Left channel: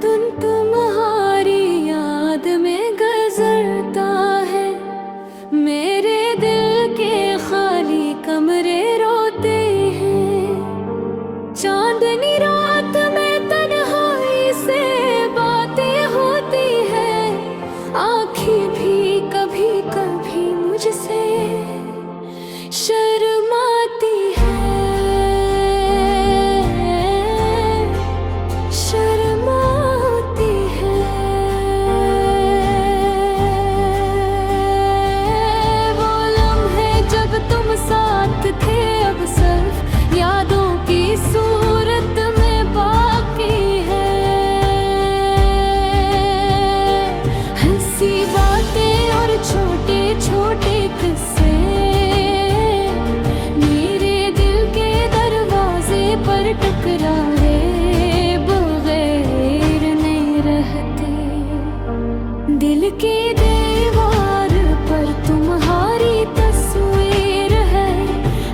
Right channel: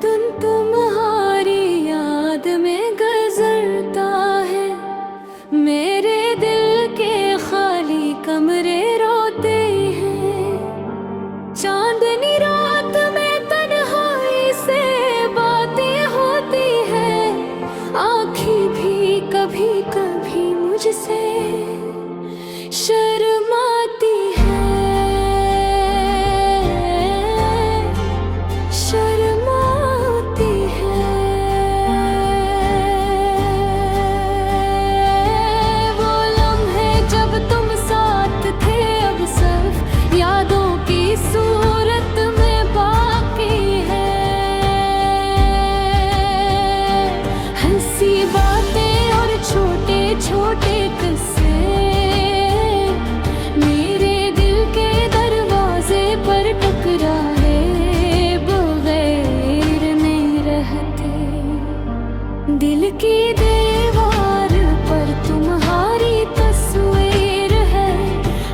दिन तुम्हारी याद में गुजरता है, मेरे दिल के खाली कमरे रोते हैं। चांदनी रात में तन्हाई से बातें होती है, आँखें भी कभी कभी मुझसे शर्माती है, शर्माती है। वो लम्हे जब तुम साथ थे अब सिर्फ यादों की सूरत में बाकी है। हंसी बातें और छोटे छोटे किस्से मेरे दिल के दरवाजे पर टकराए बगैर नहीं रहते। दिल की दीवार पर तुम्हारी तस्वीर है,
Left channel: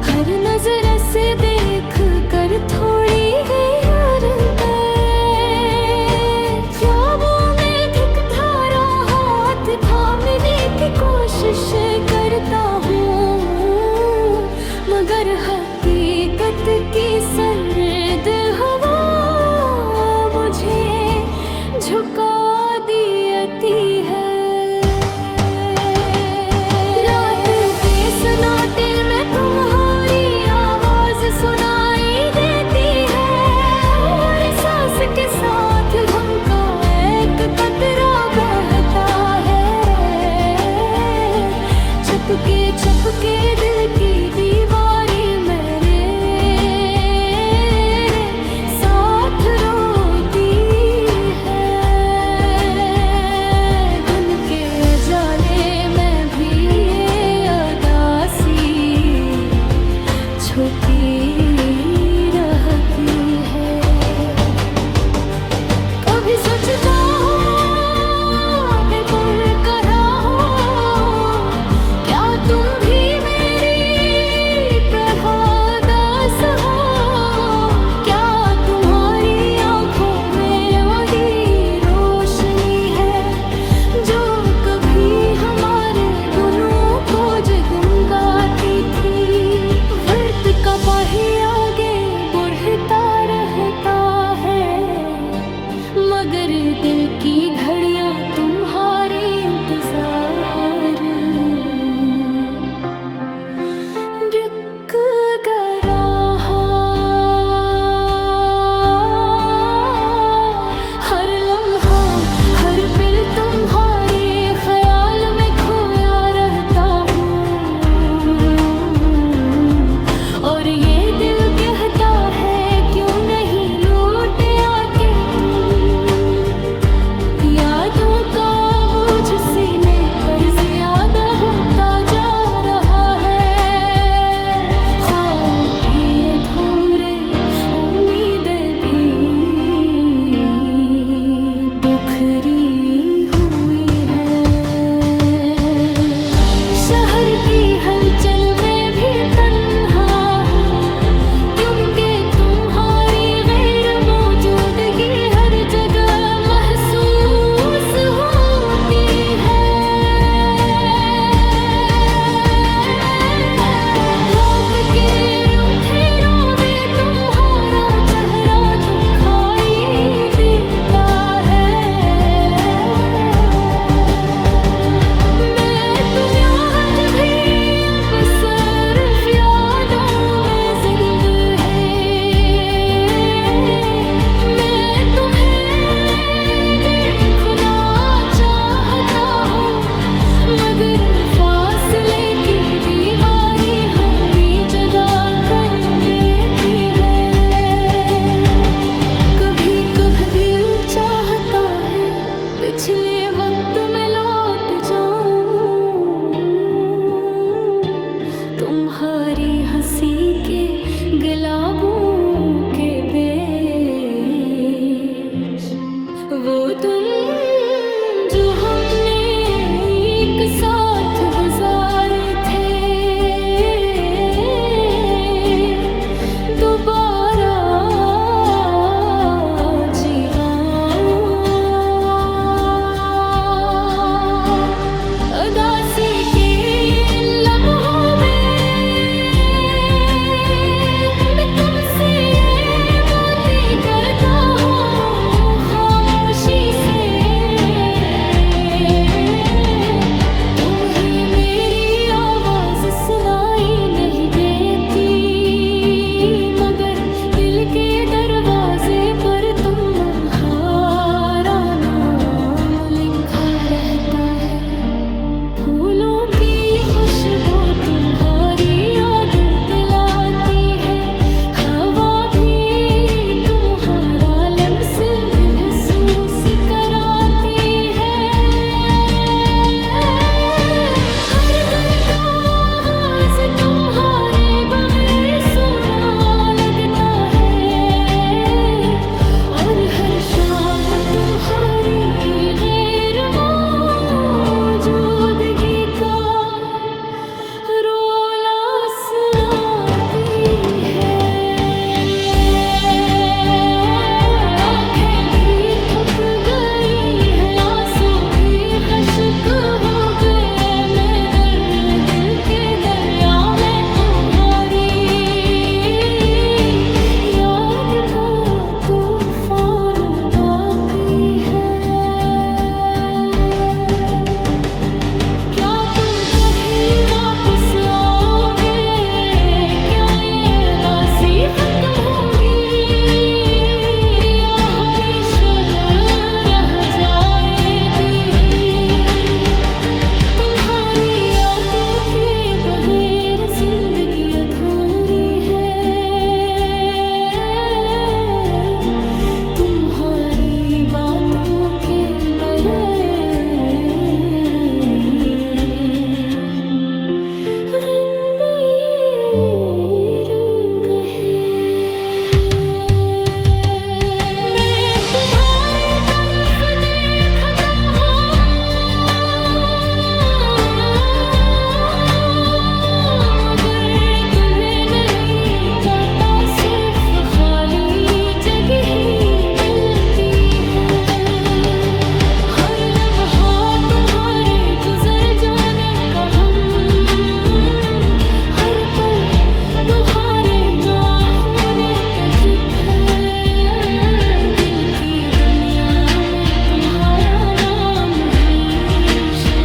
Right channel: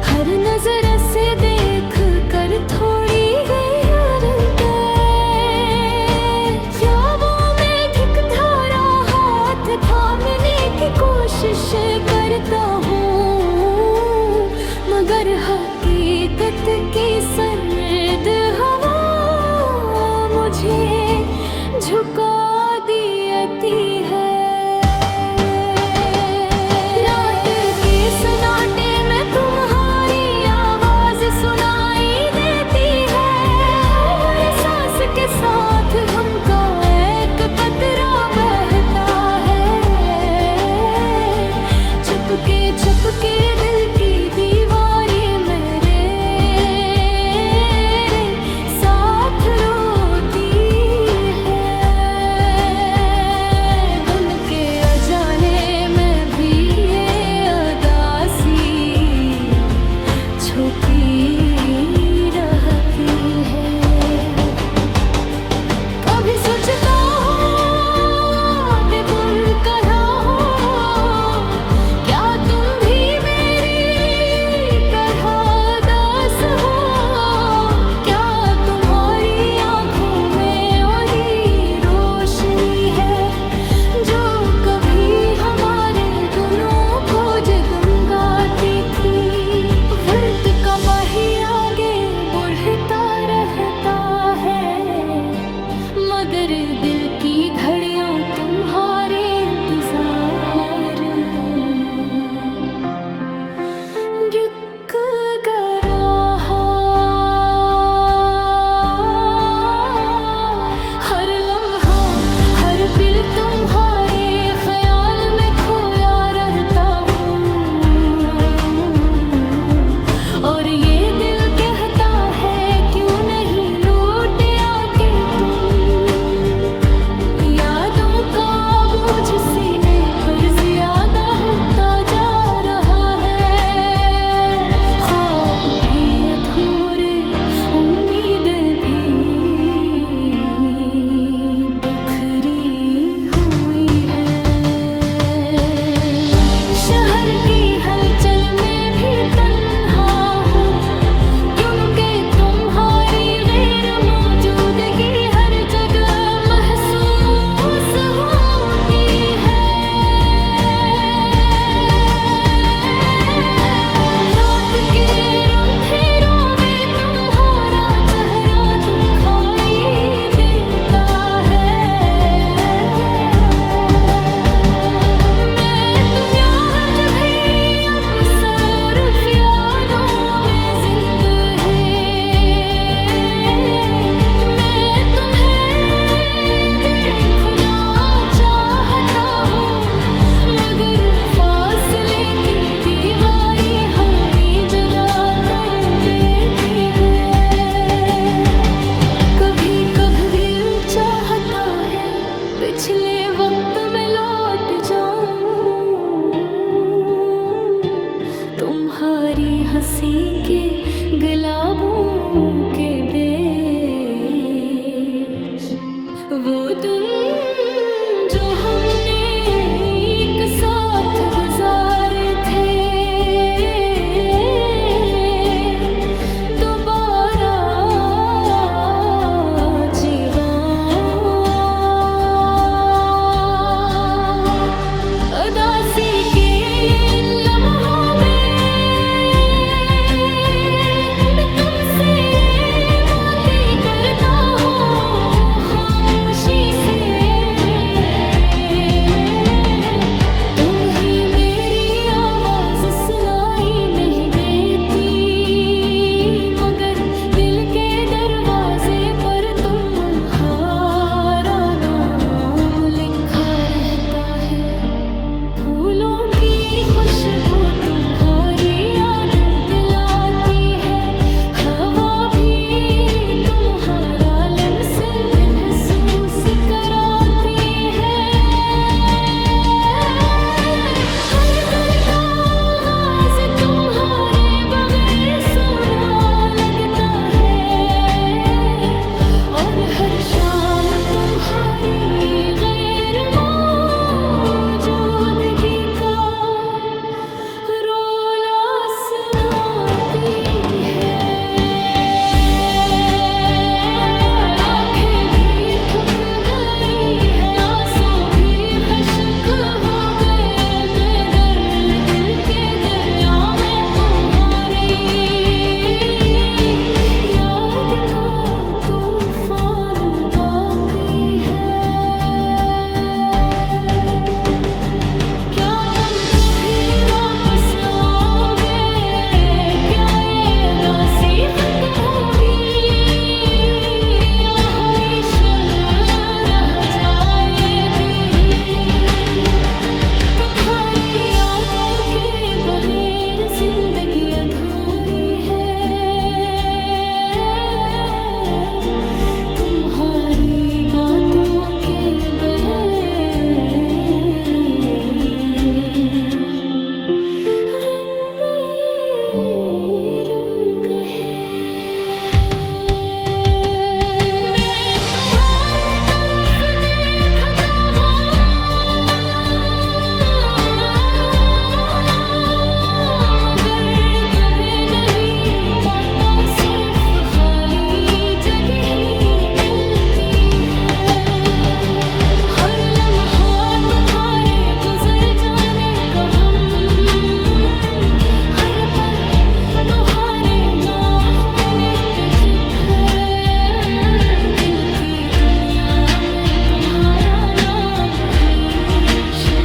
हर नजर से देख कर थोड़ी गई ख्वाबों में दिखता रहा, हाथ थामने की कोशिश करता हूँ, मगर हकीकत की सर्द हवा मुझे झुका देती है। रात के सन्नाटे में तुम्हारी आवाज सुनाई देती है, हर सांस के साथ गम का एक कतरा बहता है। चपके चपके दिल की दीवारें मेरे साथ रोती है। दिन के अजाले में भी ये उदासी छुपी रहती है। कभी सोचता हूँ भूल कर हो, क्या तुम भी मेरी तरह उदास हो? क्या तुम्हारी आंखों में वही रोशनी है जो कभी हमारे दोनों को जगमगाती थी? वक्त का पहिया आगे बढ़ता रहता है, मगर दिल की घड़ियां तुम्हारे इंतजार रुक गया। हर लम्हा हर पल तुम्हारे ख्याल में खोया रहता हूँ, और ये दिल कहता है क्यों नहीं लौट आके तुम। यादों का बोझ सीने पर ज्यादा होता जा रहा है, ख्वाब भी अधूरे, उम्मीदें भी बिखरी हुई है। शहर की हलचल में भी तन्हा हूँ, क्योंकि तुम्हारी गैर मौजूदगी हर जगह महसूस होती है। रात के अंधेरों में तुम्हारा चेहरा दिखाई देता है। मैं तुम यार जब भी अब सिर्फ यादों में जिंदा है। मैं तुम्हें देखना चाहता हूँ, मगर फासले की दीवारी हमें जुदा कर देती है। कभी कभी दिल चाहता है पिछले वक्त में लौट जाऊं, तुम्हारी हंसी के गुलाबों के देश। वो दिन जो हमने एक साथ गुजारे थे, दोबारा जीवा है। फूलों की खुशबू तुम्हारी याद दिलाती है। हवा भी तुम्हारा लम्स महसूस कराती है। हर दिन का आगाज तुम्हारे बगैर सुना लगता है, और हर शाम तुम्हारी गैर मौजूदगी का रोला सुनाती है। आंखें भी थक गई है, आंसू भी खश्क हो गए। मैं दर्द दिल के दरिया में उहारी, याद का तूफान बाकी है। क्या तुम कभी वापस आओगे? क्या ये उदासी खत्म होगी, या हमेशा रह जाएगी? तुम्हारी यादों के बगैर जिंदगी अधूरी है। तुम्हारी बातों के बगैर मैं तुम्हारी तरफ देखता हूँ, मगर तुम्हें नहीं पाता। सिर्फ खाली जगह ही मिलती है। हर लम्हा तुम्हारे गुजर जाने का हम, हर पल तुम्हारे नाखूने तजित है। दिल की दुनिया में तुम्हारा नाम हमेशा।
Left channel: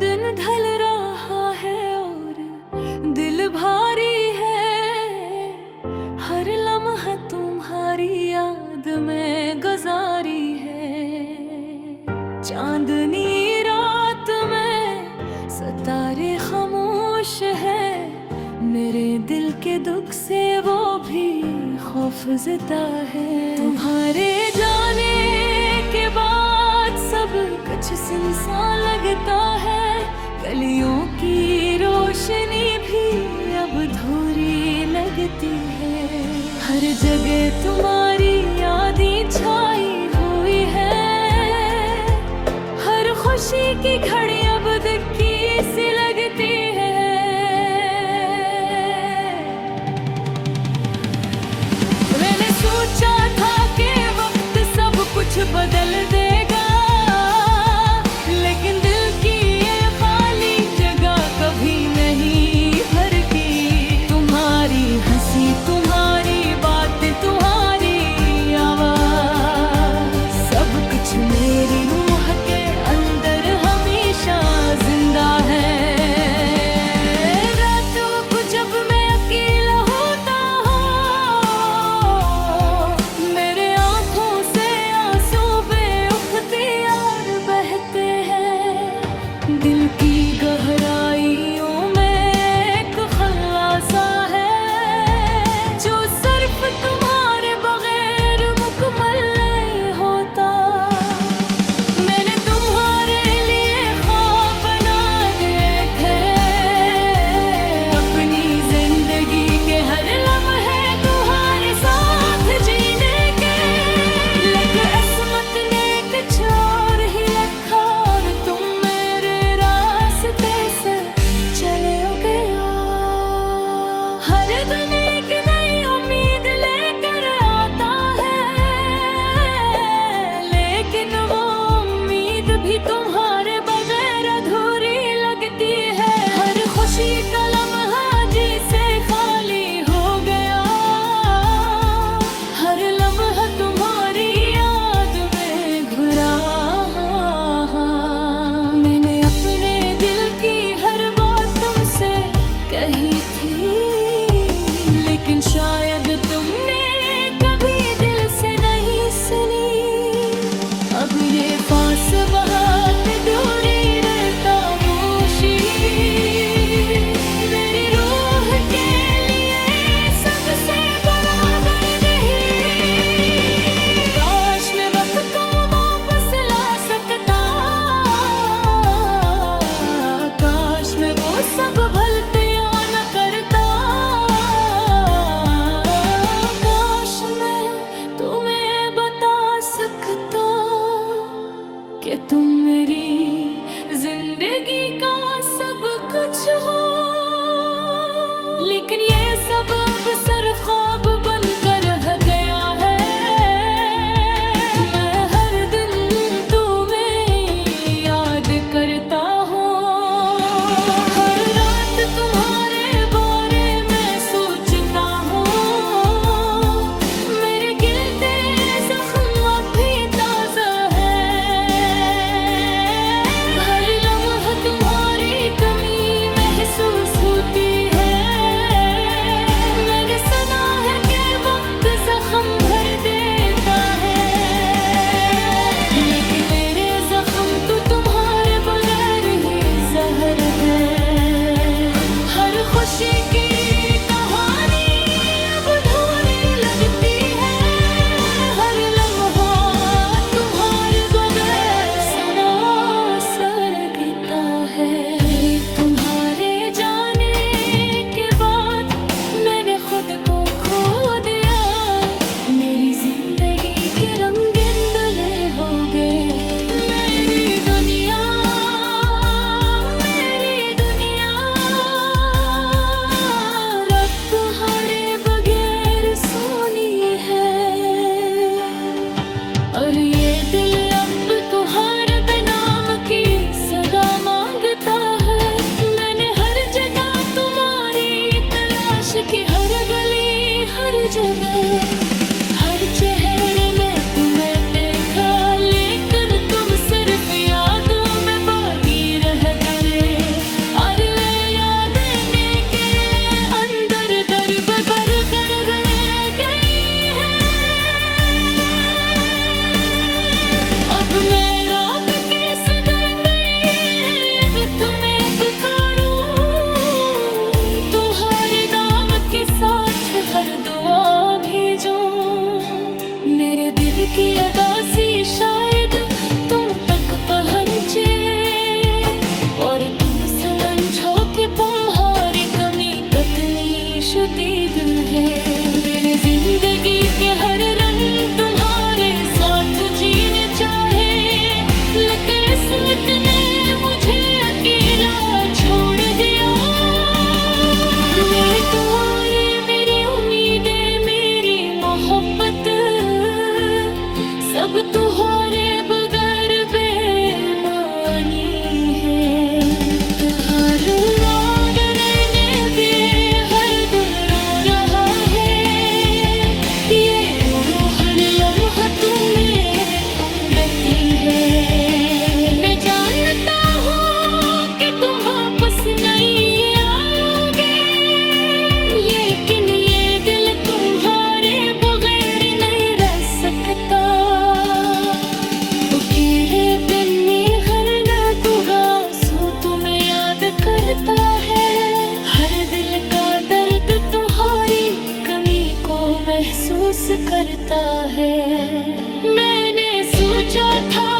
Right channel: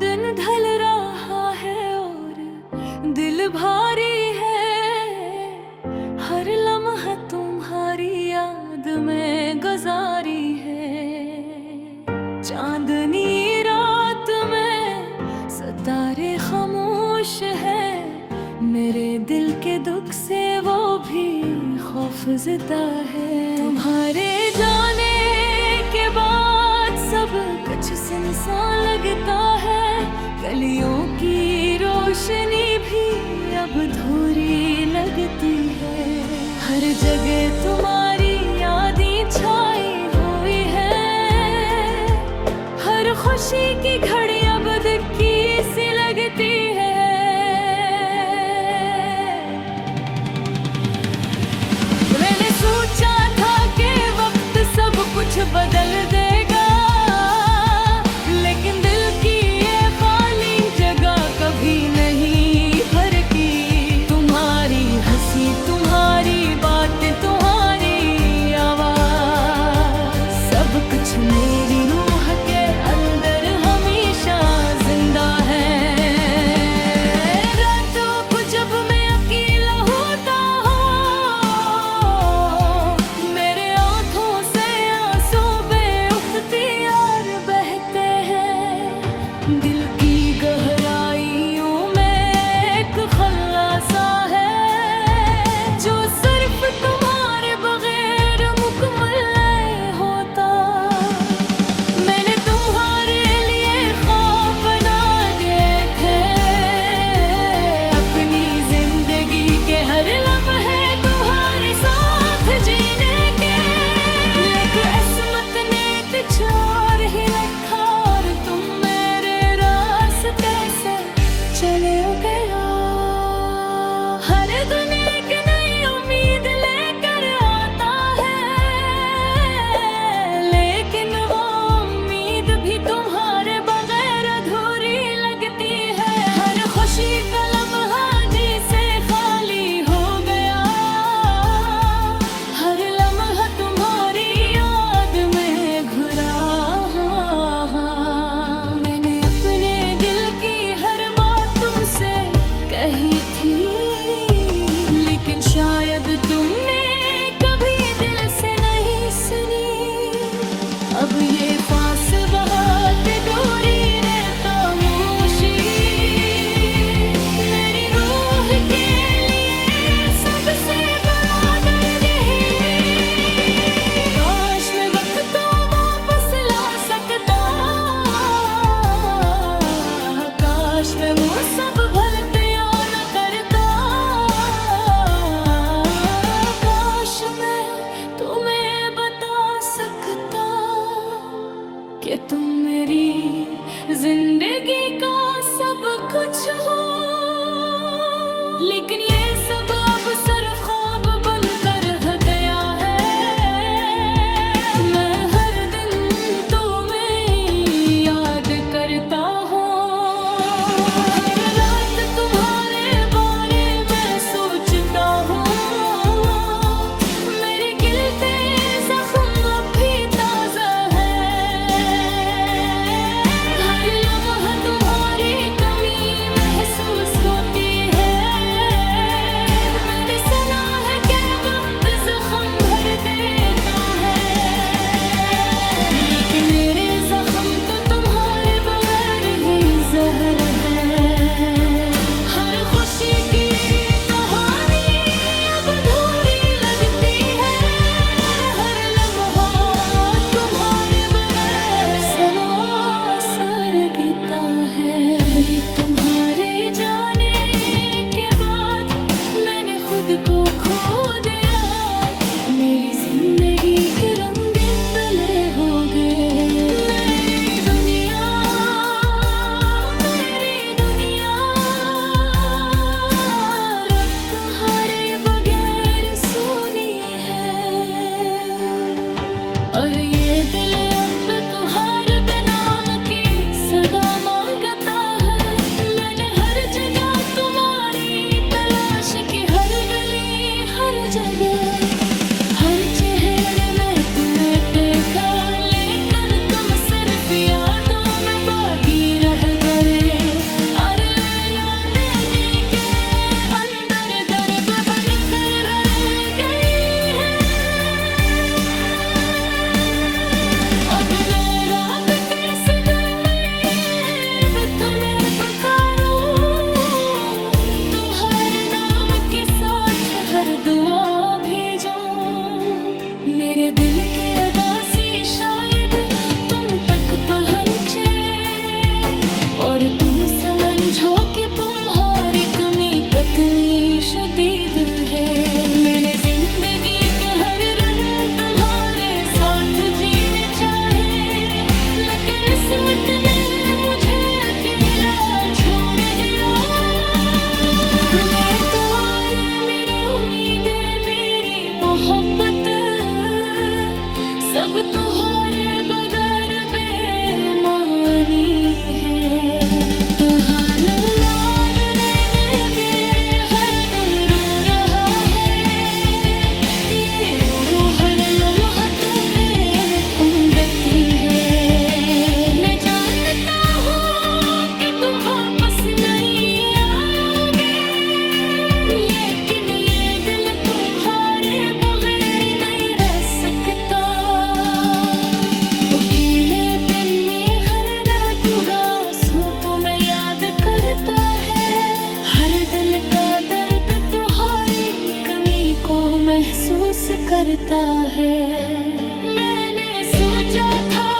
दिन ढल रहा है और दिल भारी है। हर लम्हा तुम्हारी याद में गुजारी है। चांदनी रात में सितारे खामोश है। मेरे दिल के दुख से वो भी खौफज़दा है। तुम्हारे जाने के बाद सब कुछ सुनसान लगता है। गलियों की रोशनी भी अब धूरी लगती है। हर जगह तुम्हारी यादें छाई हुई है। हर खुशी की घड़ी अब दिक्की सी लगती है। मैंने सोचा था कि वक्त सब कुछ बदल देगा, लेकिन दिल की ये खाली जगह कभी नहीं भरती। तुम्हारी हंसी, तुम्हारी बात, तुम्हारी आवाज, सब कुछ मेरी रूह के अंदर हमेशा जिंदा है। रातों को जब मैं अकेला होता हूँ, मेरे आंखों से आंसू बेवकूफ कही थी, लेकिन शायद तुमने कभी दिल से नहीं सुनी। अब ये पास बहुत दूरी रहता मोशी, मेरी रूह के लिए सबसे बड़ा दर्द है। काश मैं वक्त को वापस ला सकता, काश मैं वो सब गलतियां न करता, काश मैं तुम्हें बता सकता कि तुम मेरी जिंदगी का सब कुछ हो। लेकिन ये सब अब सिर्फ ख्वाब बनकर रह गया है। मैं हर दिन तुम्हें याद करता हूँ, हर रात तुम्हारे बारे में सोचता हूँ। मेरे गिलते जख्म अब भी ताजा है, हर लम्हा तुम्हारी कमी महसूस होती है। मैंने सुना है कि वक्त जख्म भर देता है, लेकिन मेरे जख्म तो तुम्हारे बगैर ही जहर है। हर खुशी की कहानी अब अधूरी लगती है, हर लम्हा तुम्हारे बगैर सनासर गिरता है। तुम्हारे जाने के बाद मैंने खुद को खो दिया, मेरी जिंदगी के रंगीन दले हो गए। मेरी दुनिया रब तुम्हारे बगैर सुनी है। और ये दिल अब तुम्हारे बेनाम की सदा मांगता है। मैंने हर जगह तुम्हारी तलाश की, हर गली हर जगह हर चेहरे में तुम्हें देखा, लेकिन तुम सिर्फ यादों में बागी रह गए। और ये यादें के अंदर दर्द भर कर रह गई है। अब मैं रात के सदर में तुम्हें पुकारूं, तुम्हारे नाम के साथ हर दुआ भेजूं। मेरे दिल की अदासी शायद तुम तक पहुंचे, और तुम समझो कि तुम्हारी कमी कितनी शदीद है। मैंने जिंदगी के हर रंग तुम्हारे साथ जीने चाहे, लेकिन किस्मत ने मुझे अकेला छोड़ दिया। ये दौर मेरी उम्मीदें, मेरी मोहब्बत सब तुम्हारे बगैर बेमानी है। हर याद रहने पे हर दिन रो रहा है, ये रो हर लम्हा तुम्हें उम्दती है। मैं जानता हूँ कि तुम वापस नहीं आओगे, लेकिन ये दिल तुम्हारे बगैर नहीं रह सकता। अकेले दिन में हर लम्हा आंसू तुम्हें याद करता है, हर दिल का दर्द तुम्हारी कमी को महसूस करता है। मैंने सोचा था